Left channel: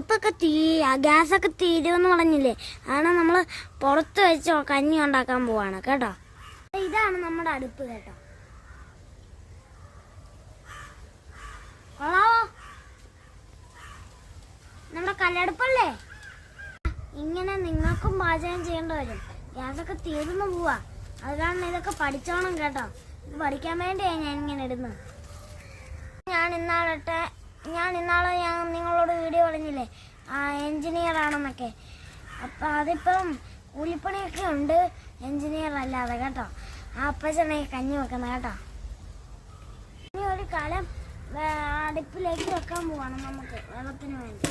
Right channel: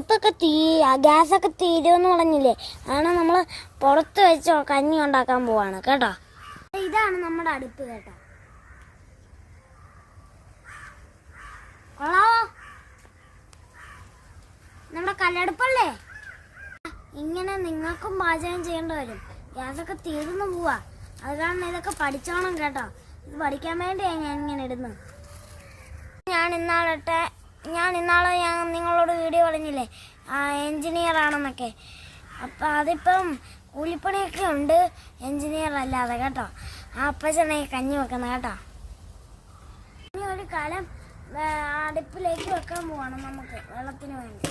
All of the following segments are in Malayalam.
ഇപ്പൊക്കെ ഗ്യാസൊക്കെ തീരുമെന്ന് പറഞ്ഞില്ലേ? ആണ് നമ്മൾ പുറത്ത് വെച്ച് കഞ്ഞി ഉണ്ടാക്കാൻ പോവാണ് കേട്ടോ. ഇതാണ് നമ്മുടെ അടുപ്പ് കേട്ടോ. നമ്മുടെ കല്ലടുപ്പല്ലേ? ഇങ്ങനെ നിങ്ങൾക്കും പാചകം ചെയ്യേണ്ടി വരും. ഗ്യാസൊക്കെ തീർന്നു പോവാ. അതുകാരണം ഇതൊക്കെ പഠിച്ചോണം കേട്ടോ. ഇത് പഠിക്കാൻ വേണ്ടിയാണ് ഞാൻ ഇങ്ങനെ ഇടുന്നത്. ഞാൻ ഇന്നാളെ ഞാൻ നിങ്ങളോട് വീഡിയോ പറഞ്ഞില്ലേ എൻജിനീയർ ആണെന്നൊക്കെ. അപ്പം അതിപ്പം കൂലിപ്പണിയൊക്കെ ഉണ്ട്, എൻജിനീയർ അല്ലാതെ കേട്ടോ. ആ അപ്പച്ചനെ കഞ്ഞി വെക്കുന്നത് കേട്ടോ. ഇനി ഒരു കാലം അടുപ്പിലേക്ക് വെക്കാൻ പോവാണ് നമുക്ക് വെള്ളത്തിന് വേണ്ടി.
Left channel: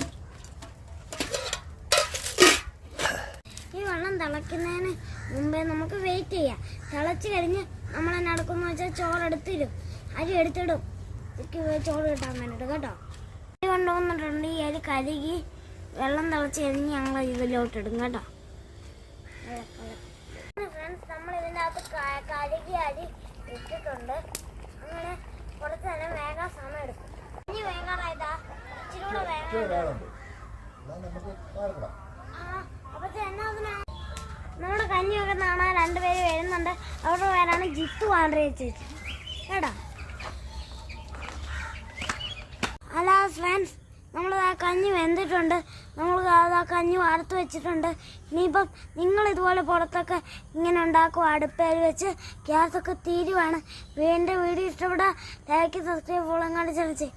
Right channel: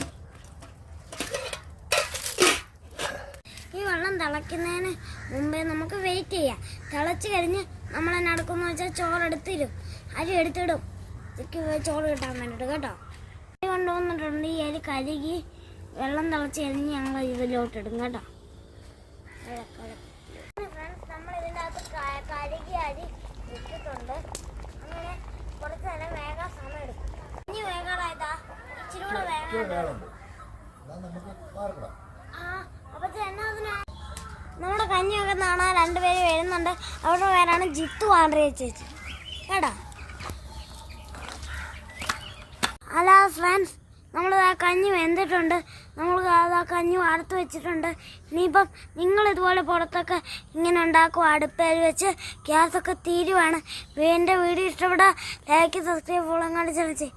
ഈ വെള്ളം തിളയ്ക്കുന്നതിന് മുമ്പേ നമുക്ക് വെയിറ്റ് ചെയ്യാം. തിളച്ച് കഴിഞ്ഞ് നമ്മൾ തന്നെ എടുക്കുമെന്ന് വെച്ചാൽ ചോറെടുത്തിരും, അരി എടുത്തിടും ചോറ് കിട്ടാൻ വേണ്ടിയിട്ട് കേട്ടോ. അരി കൊണ്ടുവന്നിട്ടുണ്ട്. ഈ അരി കഴുകി വെള്ളം തിളച്ച് കഴിഞ്ഞ് ഞങ്ങൾ ഇതിലോട്ടിടും കേട്ടോ. ഫ്രണ്ട്സ്, നമ്മൾ ഇതിനകത്ത് കഴുകി അരി ഇട്ടിട്ടുണ്ട്. അങ്ങനെ കുറച്ച് നേരം വേഗം സമയം എടുക്കും. ഇനി വേഗമായതാ ഇച്ചിരി കൂടെ വേഗം. നമ്മുടെ കഞ്ഞി വെക്കുന്നതാണ്. രണ്ടുപേര് വരുന്നുണ്ട്. അവരുടെ പേരാണ് ജിത്തു ആൻഡ്രിയ ചേച്ചി കേട്ടോ. ഹലോ ഫ്രണ്ട്സ്, നമ്മൾ ആ കഞ്ഞി വെന്തിട്ടുണ്ട്. നമ്മൾ ആ കഞ്ഞി വാർത്ത് വെച്ചിട്ടുണ്ട്. ഇനിയിപ്പം നിങ്ങൾ ഇതുപോലെ പുറത്തൊക്കെ ഇങ്ങനെ ഉണ്ടാക്കും അടുപ്പേൽ വെച്ച്. ഗ്യാസൊക്കെ തീരുവാണ്. എൻ്റെ വീഡിയോ ഇഷ്ടപ്പെട്ടാൽ ലൈക്ക്, സബ്സ്ക്രൈബ്, ഫോളോ കാണിച്ചാൽ